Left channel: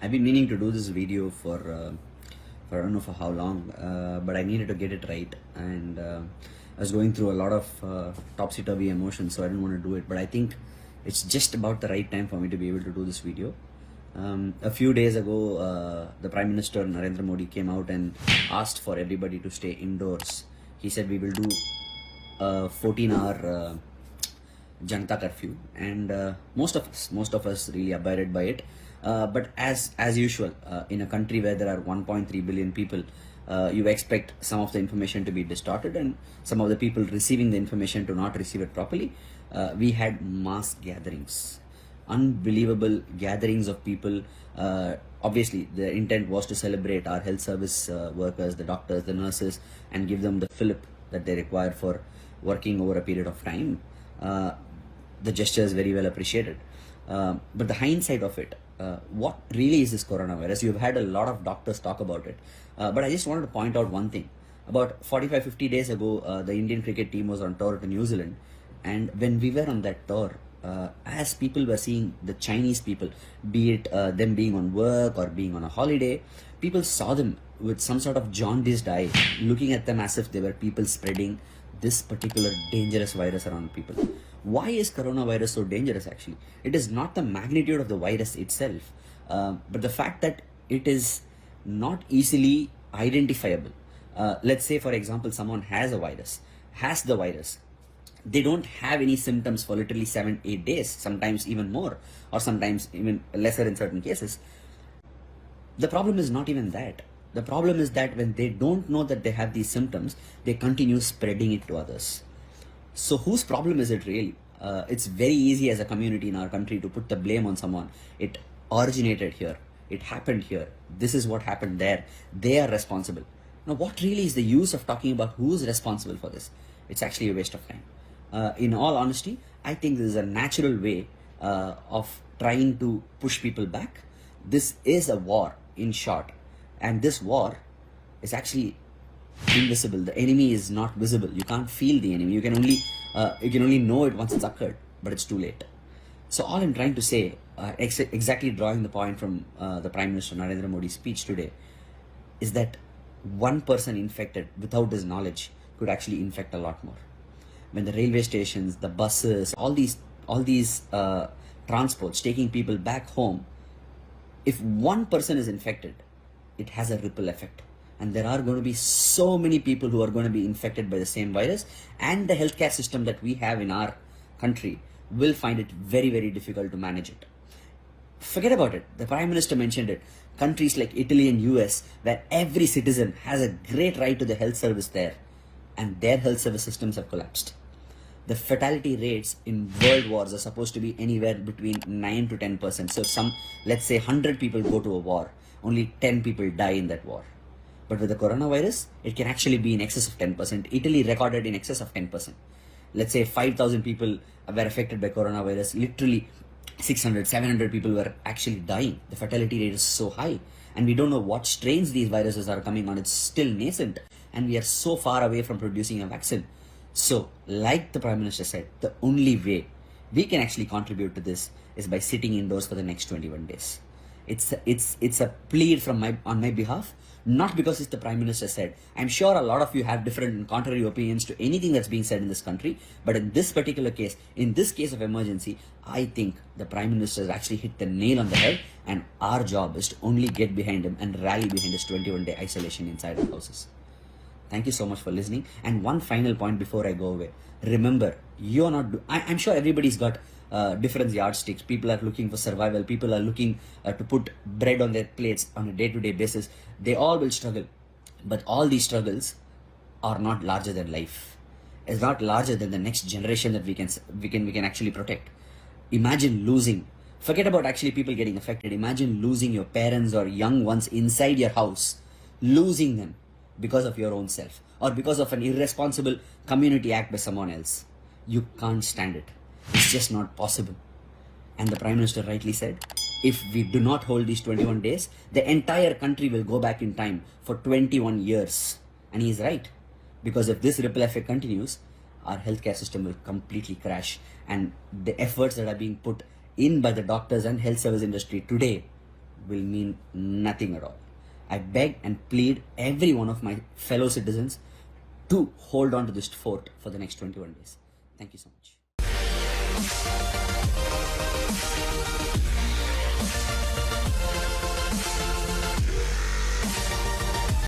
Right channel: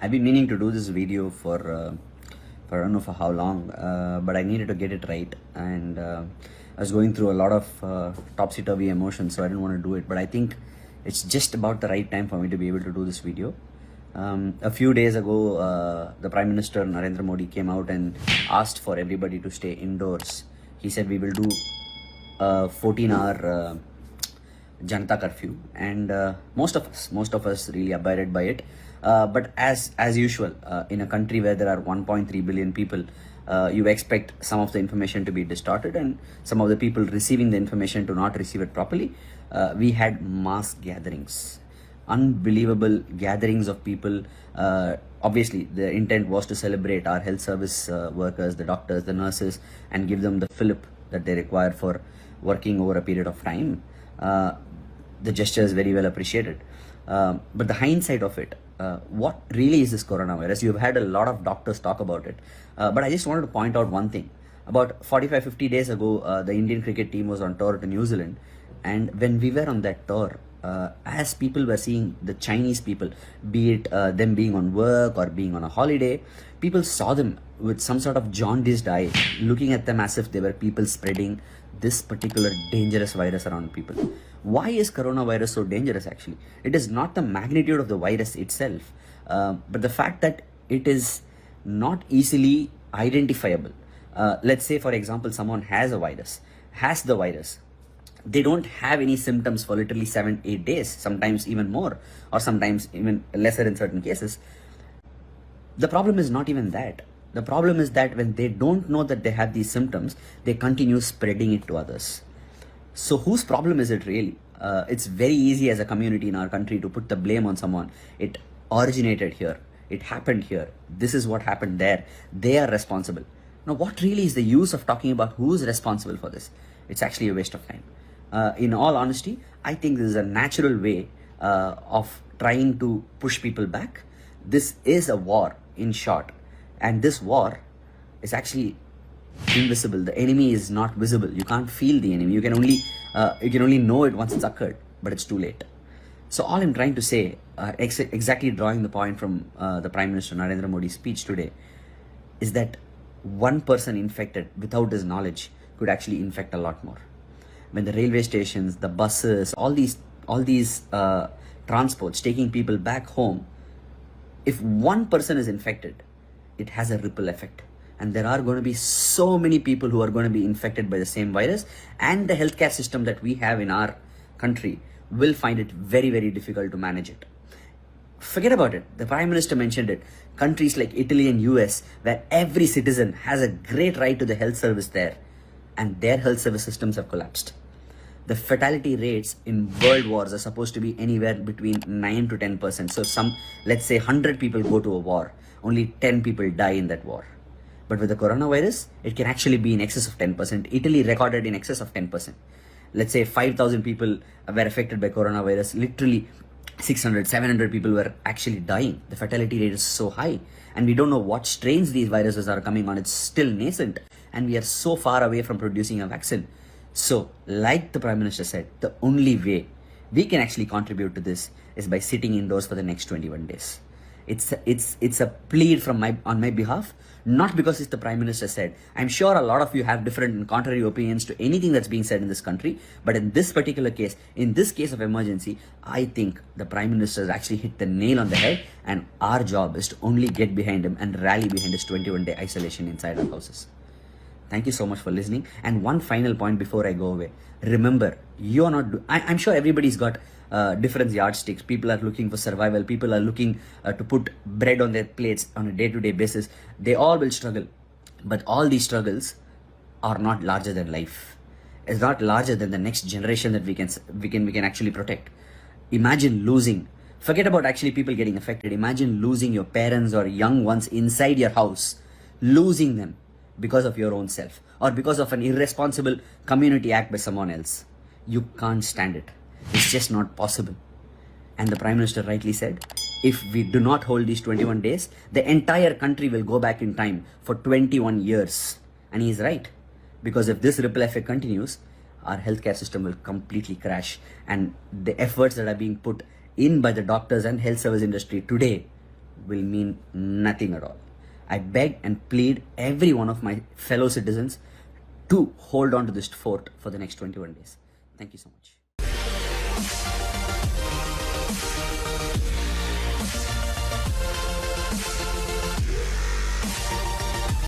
I've been meaning to do this video for I don't know for how long, but I needed to get it right, and I was going through a lot of topsy-turvy emotions, so I didn't want to do it. But I think it's just about the right time for me to be able to do this video. A few days ago, the Prime Minister Narendra Modi came out and asked for everybody to stay indoors. He said we will do a 14-hour Janata curfew, and most of us really abided by it. But as usual, in a country where there are 1.3 billion people, you expect some of the information to be distorted and some of the people receiving the information to not receive it properly. We had mass gatherings, unbelievable gatherings of people. Obviously, the intent was to celebrate our health service workers, the doctors, the nurses, and give them the fillip that they require for working over a period of time. The gesture is very well appreciated. But the hindsight of it, what really is this coronavirus? You've had a lot of doctors talk about it. But I just wanted to point out one thing. About 45-50 days ago, the Indian cricket team was on tour to New Zealand. And when we were on that tour, as people were seeing the Chinese people, be it them being on work or being on a holiday, people saw them with some sort of jaundiced eye, looking at them as if they were people spreading this particular dangerous virus around people. Why is coronavirus so dangerous actually? It is not the magnitude of the virus itself, but the fact that it is not easily identifiable. Let's say, for example, someone has the virus. They don't have any symptoms for literally 7-8 days, sometimes even more, or sometimes even lesser in certain cases. The problem is not even that. The problem is that when they don't know that they have these symptoms, they continue spreading it to others. So whose problem is it really? It's very easy as a community in our country to put the blame on someone. It originated here. It happened here. This is what happened there. They are responsible. Now, what really is the use of talking about who's responsible for this? It's actually a waste of time. In all honesty, I think this is a natural way of trying to push people back. This is a war, in short. And this war is actually invisible. The enemy is not visible. You can't feel the enemy. You can only know it once it's occurred, but it's too late. So all I'm trying to say, exactly drawing the point from the Prime Minister Narendra Modi's speech today, is that one person infected without his knowledge could actually infect a lot more. When the railway stations, the buses, all these transports taking people back home, if one person is infected, it has a ripple effect. And there are going to be so many people who are going to be infected by the same virus, and the healthcare system that we have in our country will find it very, very difficult to manage it. Forget about it. The Prime Minister mentioned it. Countries like Italy and US, where every citizen has a great right to the health service there, and their health service systems have collapsed. The fatality rates in world wars are supposed to be anywhere between 9 to 10%. So let's say 100 people go to a war, only 10 people die in that war. But with the coronavirus, it can actually be in excess of 10%. Italy recorded in excess of 10%. Let's say 5,000 people were affected by coronavirus. Literally 600, 700 people were actually dying. The fatality rate is so high. And we don't know what strains these viruses are coming on. It's still nascent. And we are so far away from producing a vaccine. So, like the Prime Minister said, the only way we can actually contribute to this is by sitting indoors for the next 21 days. It's a plea on my behalf, not because it's the Prime Minister said. I'm sure a lot of you have different and contrary opinions to anything that's being said in this country, but in this particular case, in this case of emergency, I think the Prime Minister has actually hit the nail on the head, and our job is to only get behind him and rally behind his 21-day isolation inside our houses. Thank you so much for listening. And one final point before I go away. Remember, you're not... I'm sure everybody's got different yardsticks. People are looking for survival. People are looking to put bread on their plates on a day-to-day basis. They all will struggle. But all these struggles are not larger than life. It's not larger than the next generation that we can actually protect. Imagine losing... Forget about actually people getting affected. Imagine losing your parents or young ones inside your house. Losing them because of your own self, or because of an irresponsible community act by someone else. You can't stand it. It's just not possible. And the Prime Minister rightly said, if we do not hold these 21 days, the entire country will go back in time for 21 years. And he is right. Because if this ripple effect continues, our healthcare system will completely crash. And the efforts that are being put in by the doctors and health service industry today will mean nothing at all. I beg and plead every one of my fellow citizens to hold on to this fort for the next 21 days. Thank you so much.